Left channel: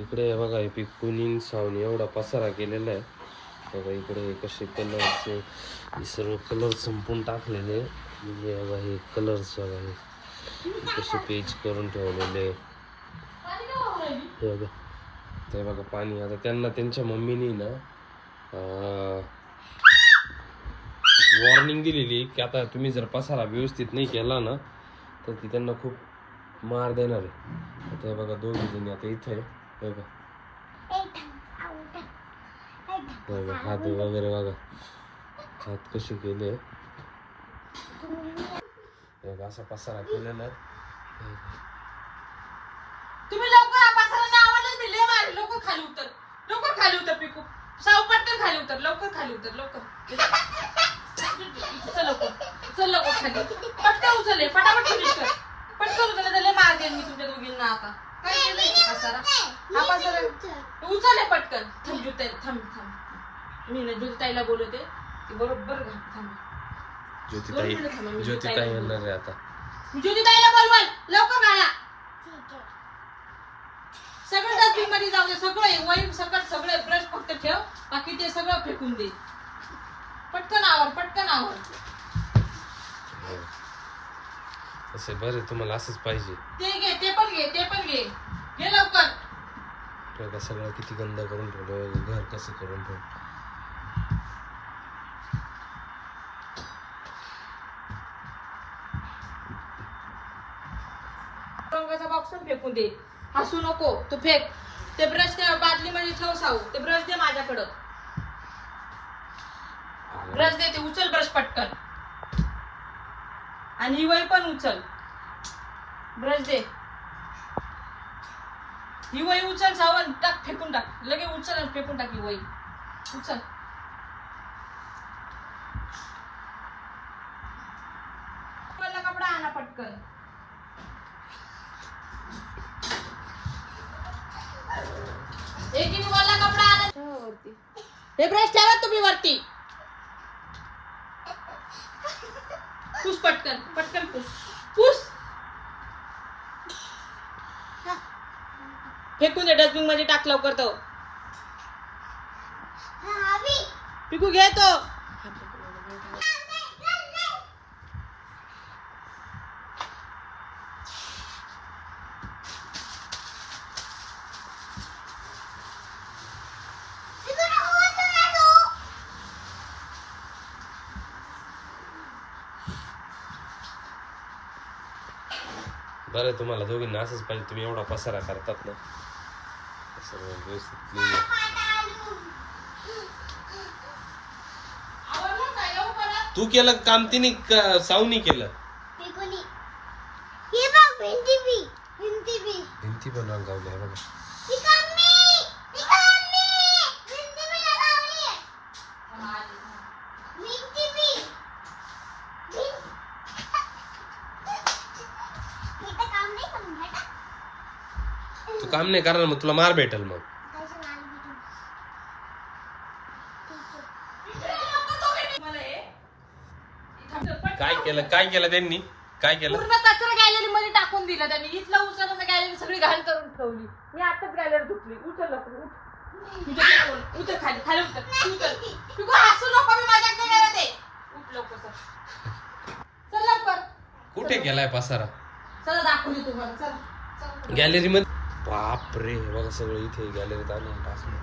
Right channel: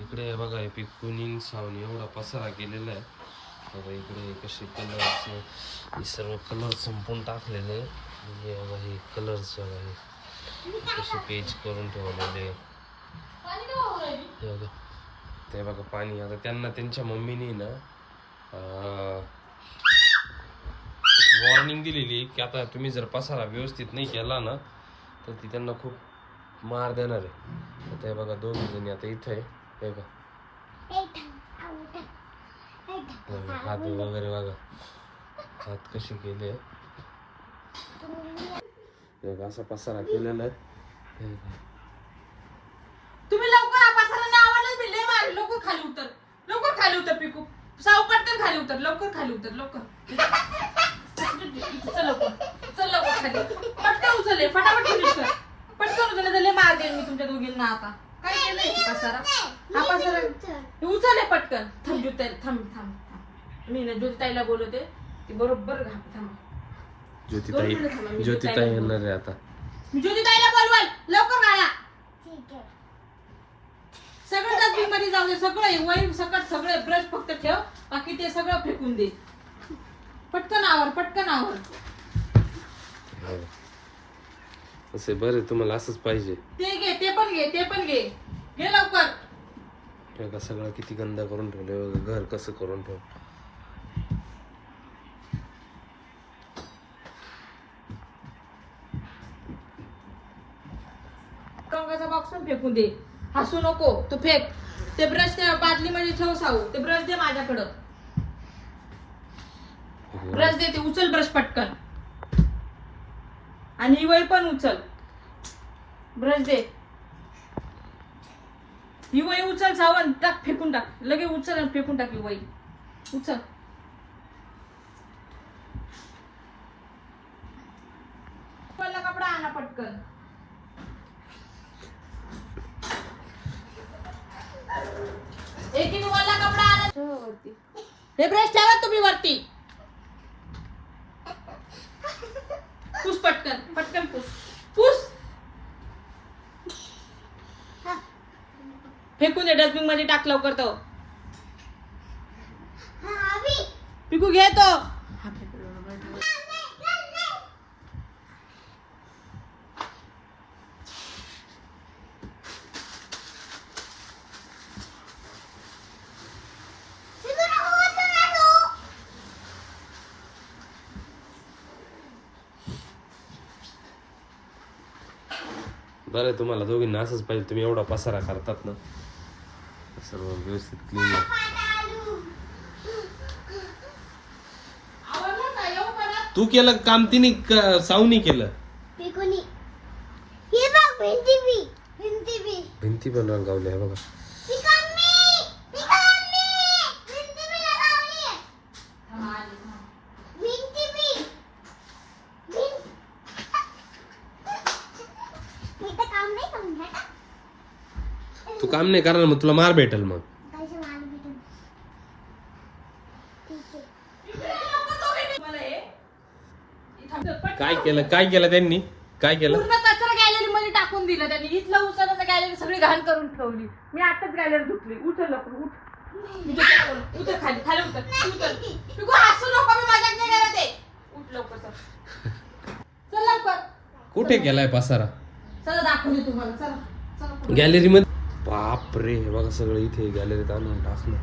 इकडे बघा हे पिकुनीन सावन. एवढा पसारा केलेला आहे. बघा इकडे कसे कलरचे हे सर्व कलर संपून टाकलेले म्हणजे बघा हे कलर्स बघा हे. कसे पेज करून ठेवलेले बघा. ते बघा पाणी. आता त्यांना त्यांच्या मम्मीने ना वॉर्निंग दिलेली की आता तुम्ही जर पसारा व्यवस्थित नाही केला ना तर ती त्यांना खूप मार देणार आहे. आता हे बघा दोघी जणी आता इथे आहे. बघा. हे बघा हात वगैरे बघा. हात कसे केले? बघा असा पसारा केलेला. तुम्ही लवकर पसारा आवाजच मारे खाली उतर. लवकर खाली उतर पिकू. साव पटकन खाली उतर लवकर खाली उतर लवकर. चल लवकर चल लवकर खाली. पटकन उचलले फटाफट कर. पटकन उचलले तर लय मार देईन मी तुमच्या दोघींना आता. काय पसारा? हा पसारा तू उचलले पटकन. थांब ज्योताई थांब थांब. मी ना ज्योताईला बोलवते. ती बरोबर घाल थांब. ज्योतिताई ज्योतिताई येणार आहे आता. ज्योतिताईला बोलवल. लवकर सगळं मध्ये जाऊ दे. सगळं वाईन सकट सगळे ब्रश फक्त ठेव. बाकी ते सगळं फेकून दे. पटकन आवर पटकन आवर. तसे बरे तुम्हाला असंच पाहिजे. ते घे ते पण घे ते पण घे. घे लवकर. बघा सगळं किती गंदा करून ठेवलं घर कसं करून ठेवलं रंगाचा बॉक्स पण फेकून दे. हसू नको तू फेक. ते ब्रश त्या बादलीमध्ये ठेव साऊ. ते ब्रश दे माझ्याकडं. ब्रश दे ते उचल ब्रश पटकन. आणि ही वही पण उचल. ब्रश दे. ही वही उचल सावण टाक फेकून टाक. लगे उचल आणि फेकून टाक ही वही उचल कपडा आला पटकन. एक एक वाला कपडा आला. हे ब्रश ठेवा तुम्ही वरती. पुस पटकन पटकन पुस. पुस. फेकून दे डस्टबिनमध्ये टाक लवकर तो. पिकू घे तो. बरं तुम्हाला दोघींना असंच पाहिजे तुम्ही एवढा पसारा करतात ना. सर्व व्यवस्थित तू केलं काम तिने का- सावनी केलं. भिंती पण रंगावल्या बघा. तू काम नाही करणार मग तुला मार भेटल मग. मला हे इथं पटकन काय केलं काय केलं त्यांनी? काय केलं? पूर्ण कचरा गॅलरी मध्ये टाकून दिलं त्यांनी. इथलं उचललं तर गॅलरी सगळी घाण करून ठेवली. मी आताच गॅलरी धुतली. लवकर उठ. उतर खाली खाली उतर उतर. तू हसू नको मी मजाक नाही करत आहे. उठ लवकर चल. चल लवकर. कुठे केलाय पसारा? चला दाखवून दे तुम्हाला. चल चल. गॅलरी मध्ये बाप रे हे बघा सगळं इथे गॅलरीत आणून टाकलं.